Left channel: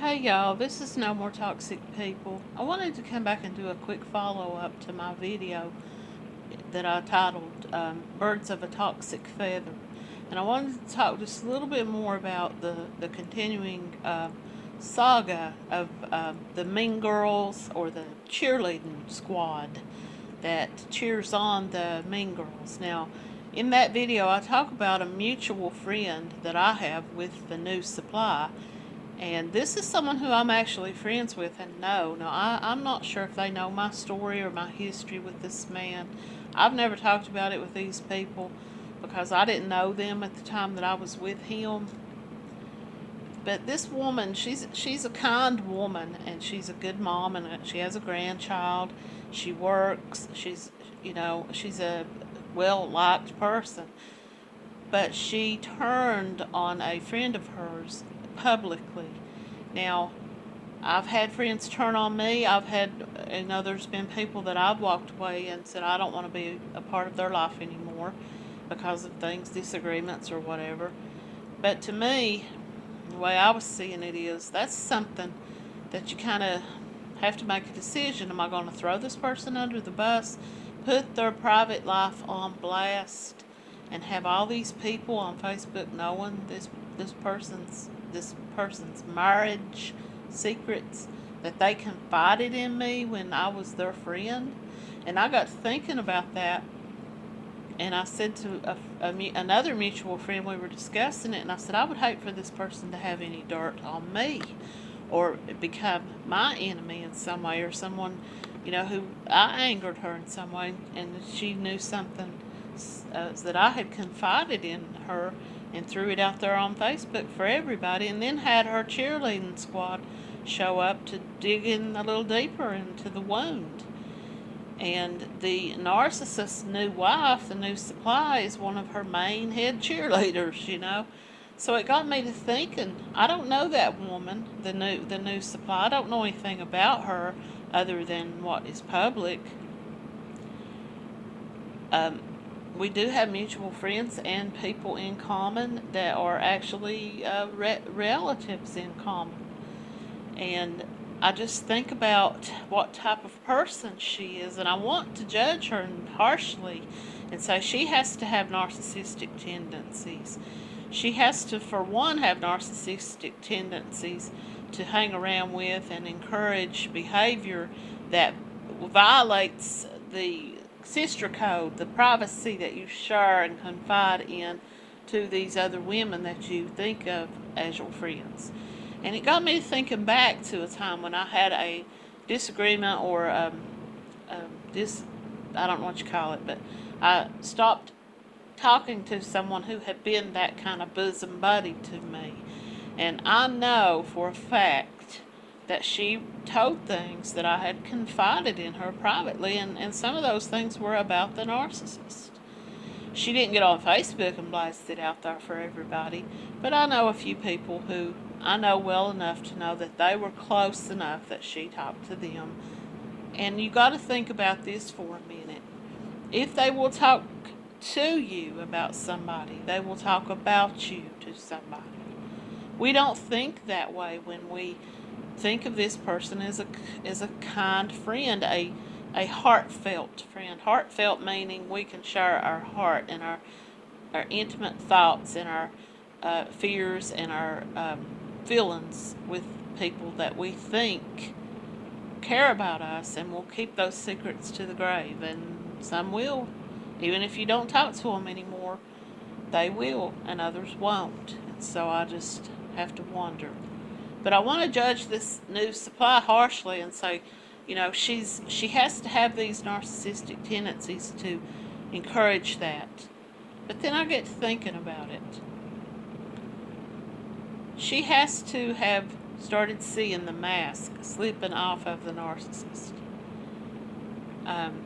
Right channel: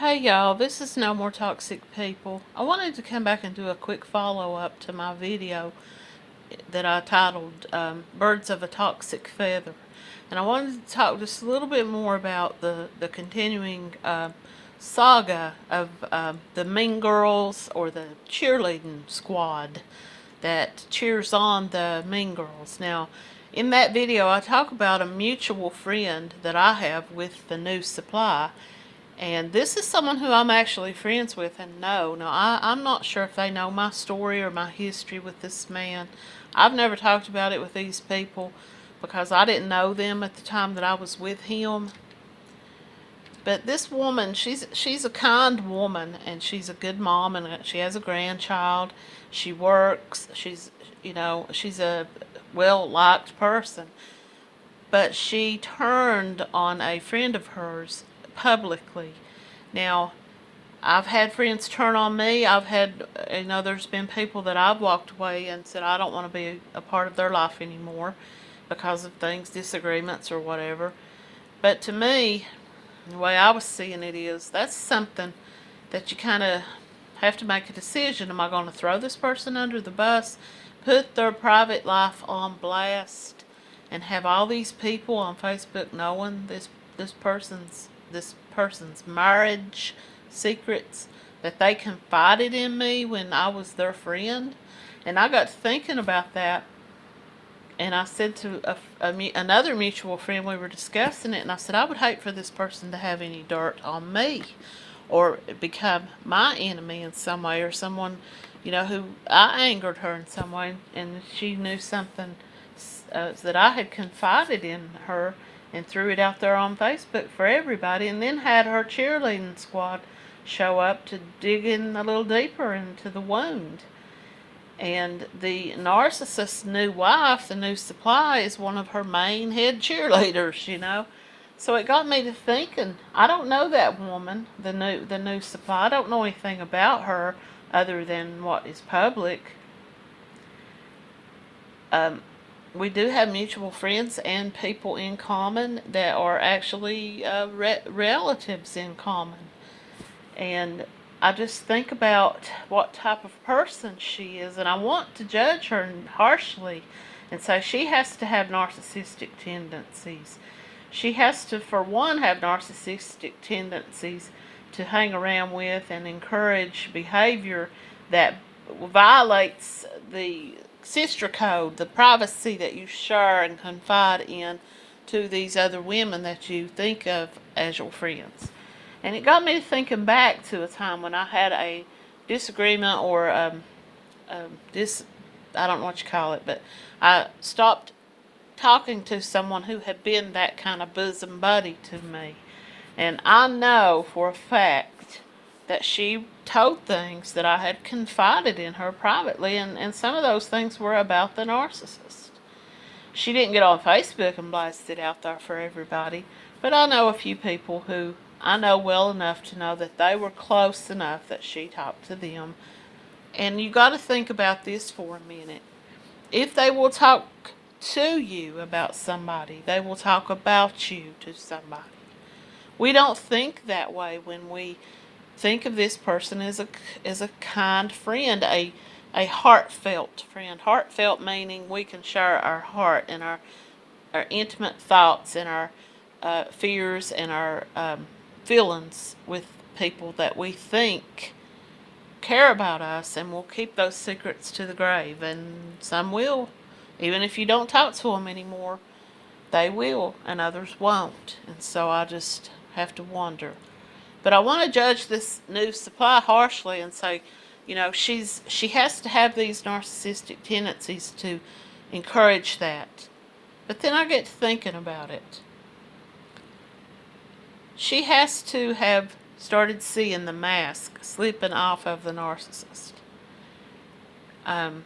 Hey y'all, this is No More Toxic People. I wanted to come back and do a quick follow up to my video that I titled Birds of a Toxic Feather. And I wanted to talk just a little bit more about the continuing saga of the Mean Girls or the cheerleading squad that cheers on the Mean Girls. Now, in that video, I talk about a mutual friend that I have with the new supply, and this is someone who I'm actually friends with and know. Now, I'm not sure if they know my story or my history with this man. I've never talked about it with these people because I didn't know them at the time that I was with him. But this woman, she's a kind woman, and she's a good mom, and she has a grandchild. She works. She's a well-liked person. But she turned on a friend of hers publicly. Now, I've had friends turn on me. There's been people that I've walked away and said I don't want to be a part of their life anymore because of things, disagreements or whatever. But to me, the way I was seeing it is that's something that you kind of have to make a decision. Am I going to throw this person under the bus, put their private life on blast, and have all these people on Facebook knowing this person's marriage secrets that they confided in me when I was their friend? And I got to thinking about that, and I said to another mutual friend, we were discussing it, and I said, I would hate for this person to have any dirt on me or become my enemy in some way, or someone, who I angered her in some way, and she knew something that I had confided in her and threw it out there on Facebook for everybody, and then had her cheerleading squad show up to dig in a little deeper into the wound. And the narcissist's new wife, the new supply, is one of her main head cheerleaders. So it got me to thinking, I don't know that woman, the new supply. I don't know anything about her other than what is public. Um, we do have mutual friends and people in common that are actually relatives in common. And I just think about what type of person she is, and I want to judge her harshly and say she has to have narcissistic tendencies. She has to, for one, have narcissistic tendencies to hang around with and encourage behavior that violates the sister code, the privacy that you share and confide in to these other women that you think of as your friends. And it got me thinking back to a time when I had a disagreement or I don't know what you call it, but I stopped talking to someone who had been that kind of bosom buddy to me. And I know for a fact that she told things that I had confided in her privately, and some of those things were about the narcissist. She didn't get on Facebook and blast it out there for everybody, but I know a few people who I know well enough to know that they were close enough that she talked to them. And you got to think about this for a minute. If they will talk to you about somebody, they will talk about you to somebody. We don't think that way when we think of this person as a kind friend, a heartfelt friend. Heartfelt meaning we can share our heart and our intimate thoughts and our fears and our feelings with people that we think care about us, and will keep those secrets to the grave. And some will, even if you don't talk to them anymore, they will, and others won't. And so I just have to wonder. But I want to judge this new supply harshly and say, she has to have these narcissistic tendencies to encourage that. But then I get to thinking about it. She has to have started seeing the mask slipping off of the narcissist. Um,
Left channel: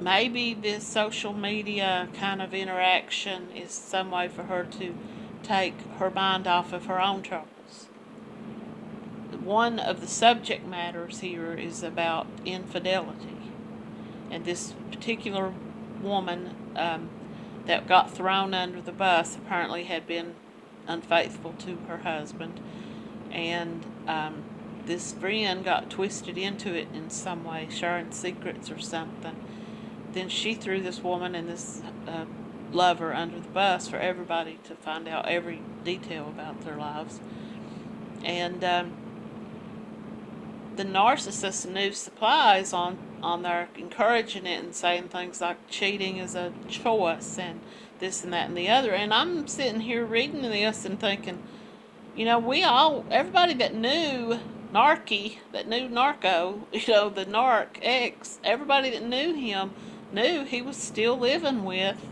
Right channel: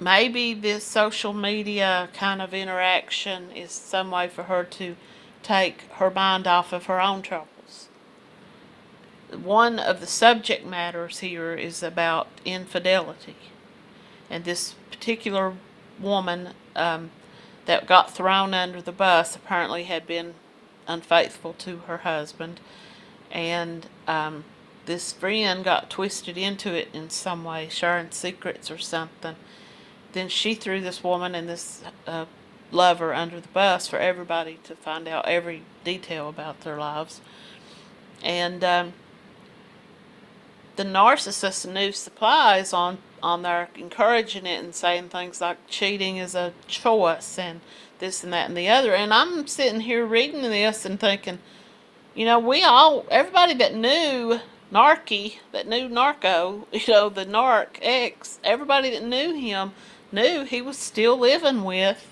Maybe this social media kind of interaction is some way for her to take her mind off of her own troubles. One of the subject matters here is about infidelity. And this particular woman that got thrown under the bus apparently had been unfaithful to her husband. And this friend got twisted into it in some way, sharing secrets or something. Then she threw this woman and this lover under the bus for everybody to find out every detail about their lives. And the narcissist news supplies on there encouraging it and saying things like cheating is a choice and this and that and the other. And I'm sitting here reading this and thinking, everybody that knew that knew Narco, the Narc X, everybody that knew him knew he was still living with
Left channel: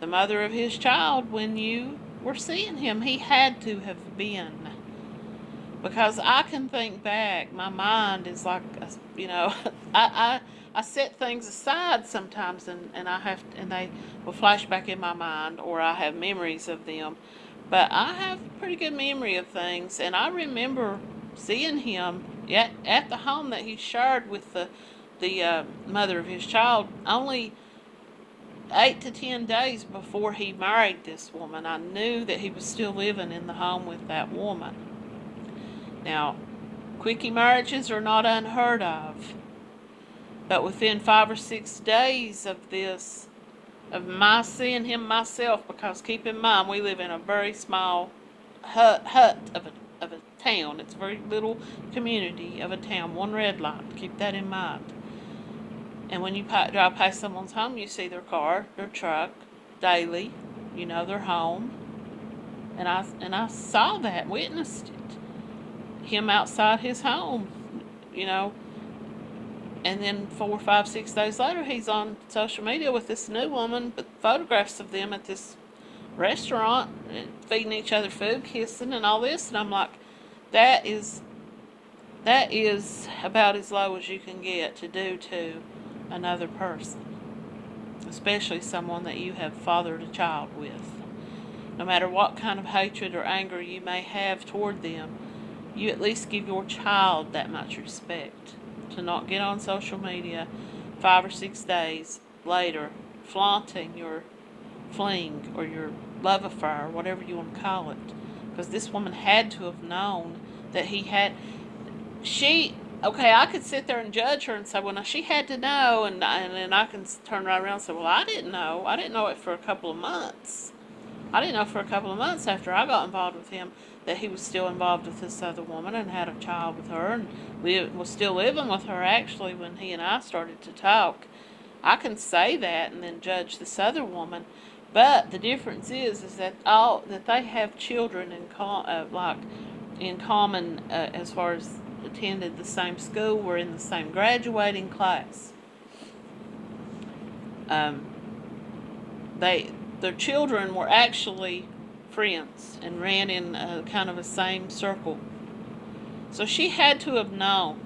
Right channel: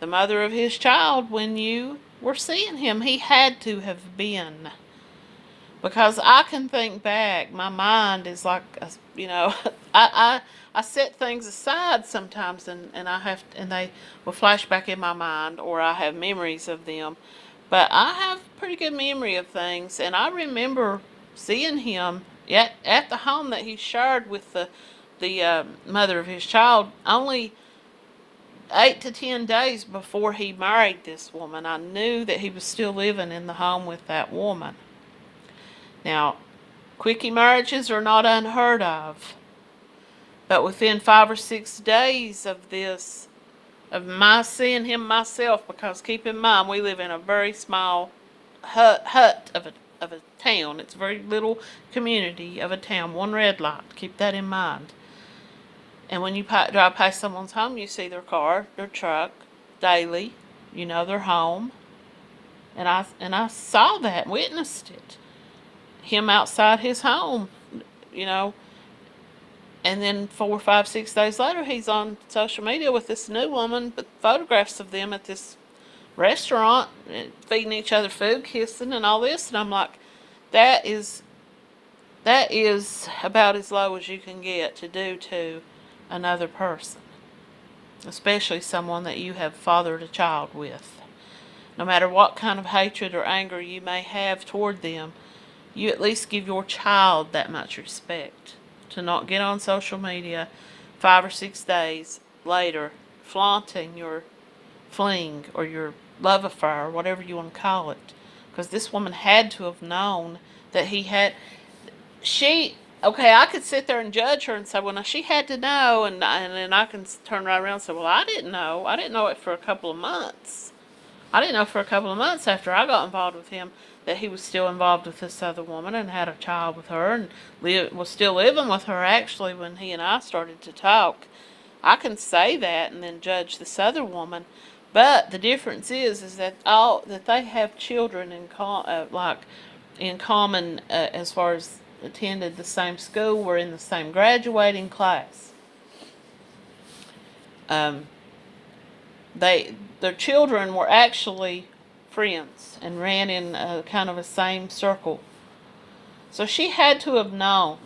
the mother of his child when you were seeing him. He had to have been. Because I can think back, my mind is like, I set things aside sometimes, and they will flash back in my mind, or I have memories of them. But I have a pretty good memory of things, and I remember seeing him at the home that he shared with the mother of his child only 8 to 10 days before he married this woman. I knew that he was still living in the home with that woman. Now, quickie marriages are not unheard of, but within 5 or 6 days of my seeing him myself, because keep in mind we live in a very small hut of a town. It's a very little community of a town, one red light. Keep that in mind. And when you drive past someone's home, you see their car, their truck, daily. Their home. And I saw that, witnessed it. Him outside his home, and then 4, 5, 6 days later, he's on social media with this new woman, but photographs of them at this restaurant, feeding each other food, kissing, and all this. And I'm like, that is about as low as you can get to do to another person, especially someone that you have fathered a child with. No matter what kind of hatred or anger you may have toward them, you at least give your child that much respect. To not get on social media 5 or 6 days later flaunting your fling or your love affair, or whatever you want to call it. Because this woman had to have known that he had... I could sit there and judge her and say, well, now she had to know, and then I can turn right around and say, well, I didn't know. I didn't know it for a couple of months. I didn't know for a couple of months after I got involved with him that he was still involved with this other woman and had a child with her and was still living with her, actually, when he and I started to talk. I can say that and then judge this other woman, but the difference is that they have children in common, as far as attended the same school, were in the same graduating class. Their children were actually friends and ran in kind of a same circle. So she had to have known,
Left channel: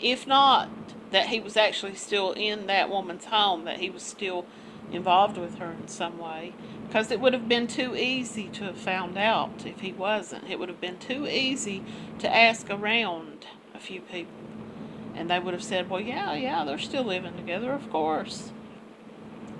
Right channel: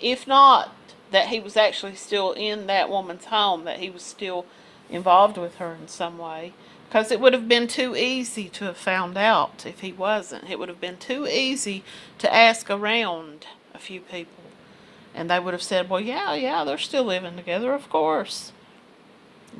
if not that he was actually still in that woman's home, that he was still involved with her in some way, because it would have been too easy to have found out if he wasn't. It would have been too easy to ask around a few people, and they would have said, well, yeah, they're still living together, of course.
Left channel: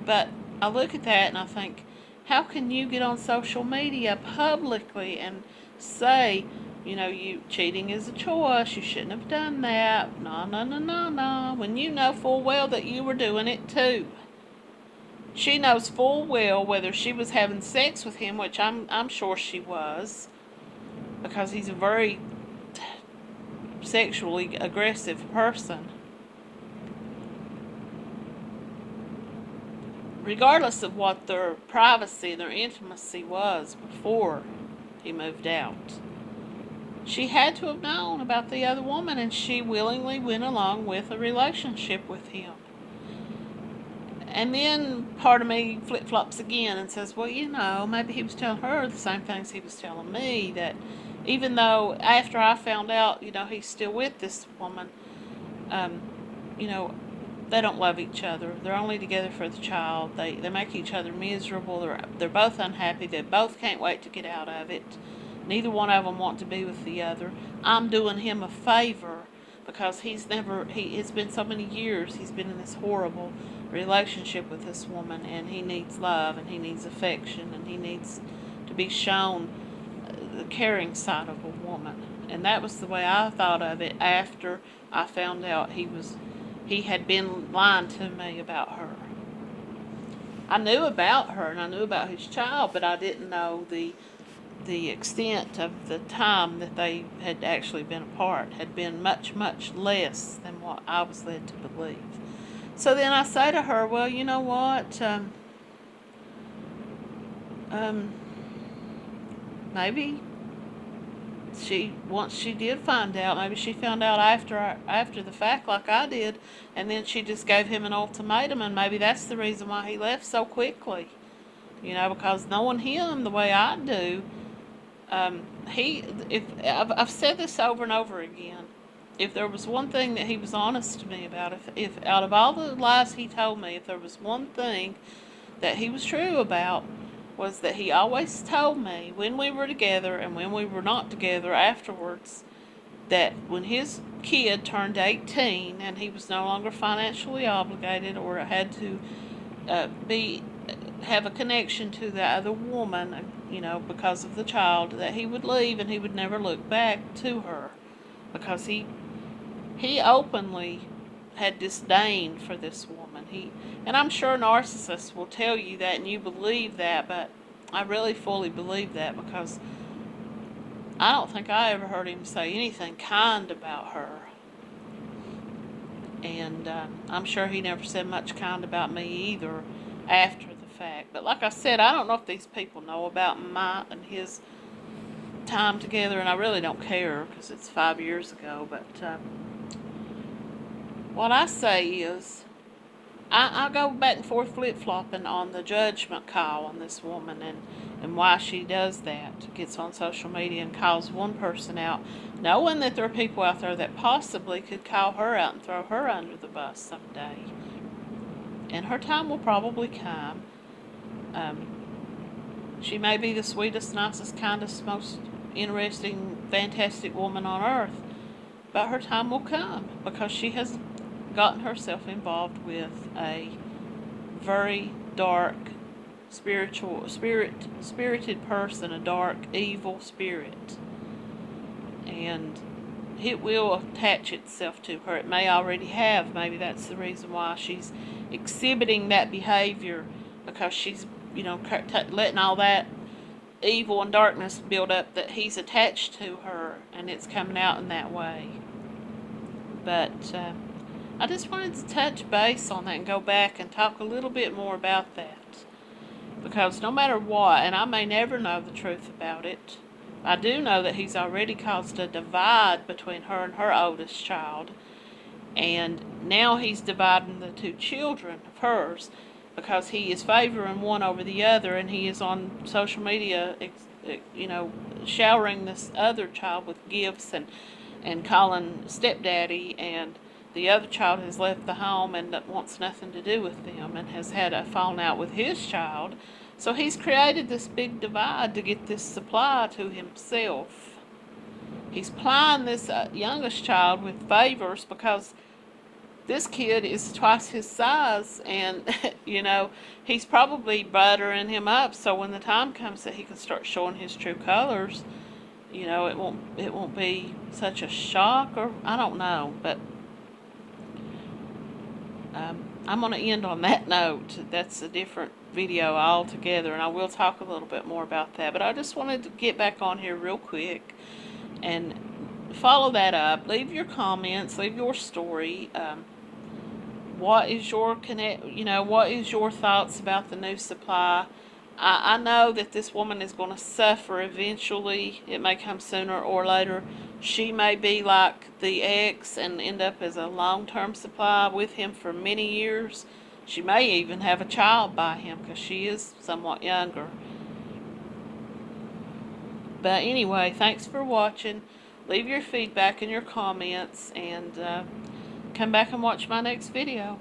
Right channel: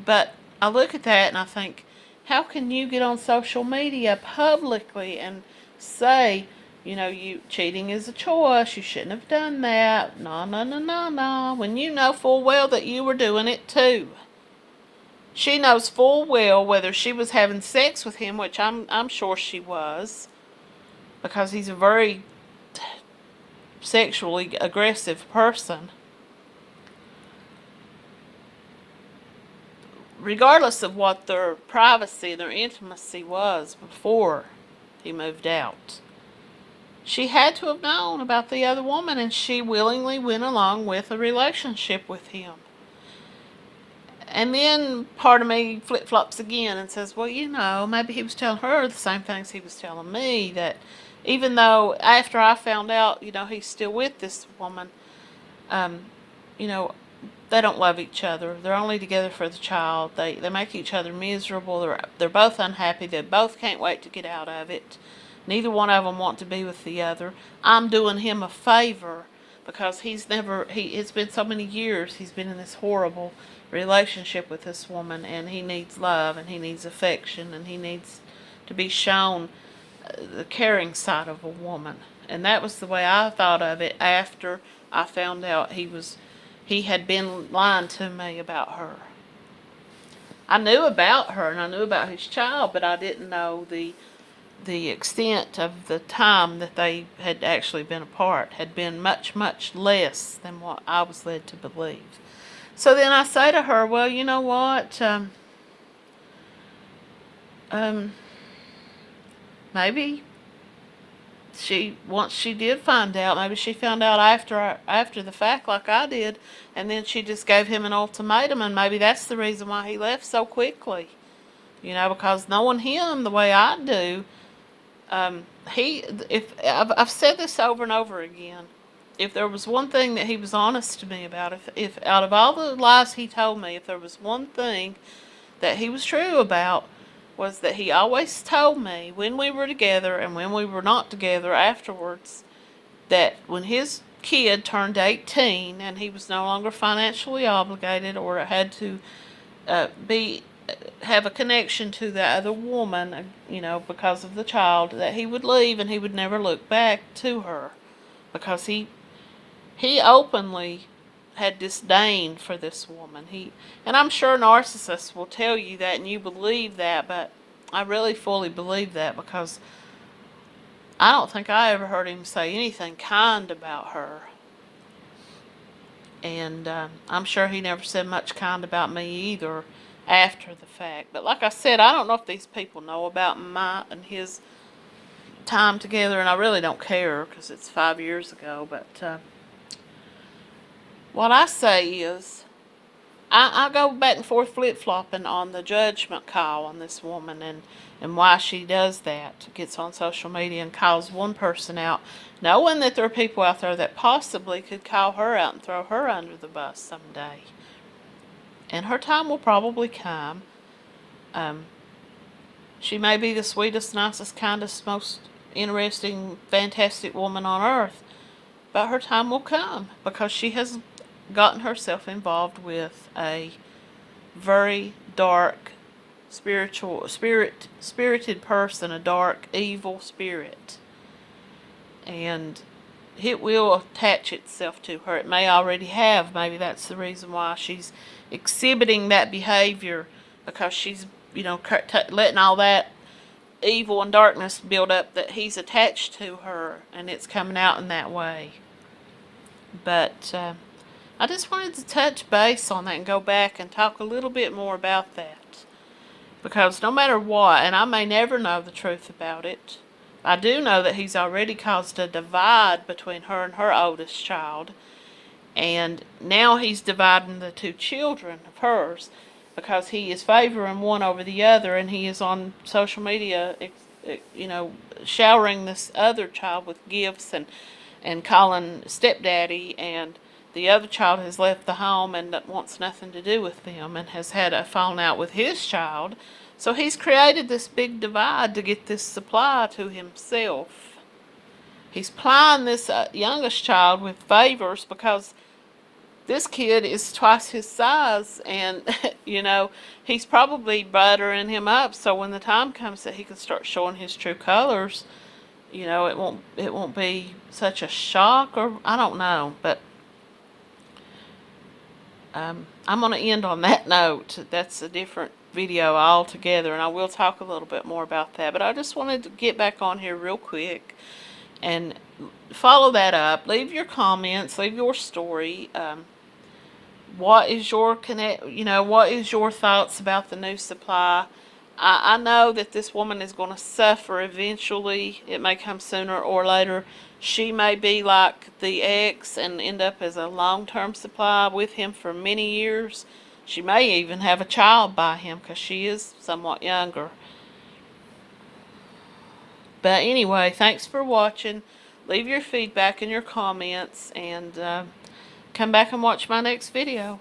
But I look at that and I think, how can you get on social media publicly and say, you cheating is a choice, you shouldn't have done that, no, when you know full well that you were doing it too. She knows full well whether she was having sex with him, which I'm sure she was, because he's a very sexually aggressive person. Regardless of what their privacy, their intimacy was before he moved out. She had to have known about the other woman, and she willingly went along with a relationship with him. And then part of me flip-flops again and says, well, maybe he was telling her the same things he was telling me, that even though after I found out, he's still with this woman, they don't love each other. They're only together for the child. They make each other miserable. They're both unhappy. They both can't wait to get out of it. Neither one of them want to be with the other. I'm doing him a favor because it's been so many years he's been in this horrible relationship with this woman, and he needs love, and he needs affection, and he needs to be shown the caring side of a woman. And that was the way I thought of it after I found out he had been lying to me about her. I knew about her and I knew about his child, but I didn't know the extent of the time that they had actually been apart had been much, much less than what I was led to believe. So then I say to her, well, you know what? Maybe once she did find out, maybe she found out after the fact like I did, and then she just gave him an ultimatum, and maybe that's the reason why he left so quickly. Because knowing him the way I do, I've said this over and over again. If there was one thing that he was honest to me about, if out of all the lies he told me, if there was one thing that he was true about, was that he always told me when we were together and when we were not together afterwards, that when his kid turned 18 and he was no longer financially obligated or had to have a connection to the other woman, because of the child, that he would leave and he would never look back to her, because he openly had disdain for this woman. And I'm sure narcissists will tell you that and you believe that, but I really fully believe that, because I don't think I ever heard him say anything kind about her. And I'm sure he never said much kind about me either after the fact. But like I said, I don't know if these people know about my and his time together, and I really don't care because it's 5 years ago. But what I say is, I go back and forth flip-flopping on the judgment call on this woman and why she does that. Gets on social media and calls one person out, knowing that there are people out there that possibly could call her out and throw her under the bus someday. And her time will probably come. She may be the sweetest, nicest, kindest, most interesting, fantastic woman on earth, but her time will come, because she has gotten herself involved with a very dark, spirited person, a dark, evil spirit. And it will attach itself to her. It may already have. Maybe that's the reason why she's exhibiting that behavior, because she's, letting all that evil and darkness build up that he's attached to her, and it's coming out in that way. But I just wanted to touch base on that and go back and talk a little bit more about that. Because no matter what, and I may never know the truth about it, I do know that he's already caused a divide between her and her oldest child. And now he's dividing the two children of hers, because he is favoring one over the other, and he is on social media, showering this other child with gifts and calling stepdaddy, and the other child has left the home and wants nothing to do with them and has had a falling out with his child. So he's created this big divide to get this supply to himself. He's plying this youngest child with favors, because this kid is twice his size, and he's probably buttering him up, so when the time comes that he can start showing his true colors, it won't be such a shock, or I don't know. But I'm going to end on that note. That's a different video altogether, and I will talk a little bit more about that. But I just wanted to get back on here real quick and follow that up. Leave your comments, leave your story. What is your what is your thoughts about the new supply? I know that this woman is going to suffer eventually. It may come sooner or later. She may be like the ex and end up as a long-term supply with him for many years. She may even have a child by him, because she is somewhat younger. But anyway, thanks for watching. Leave your feedback in your comments, and come back and watch my next video.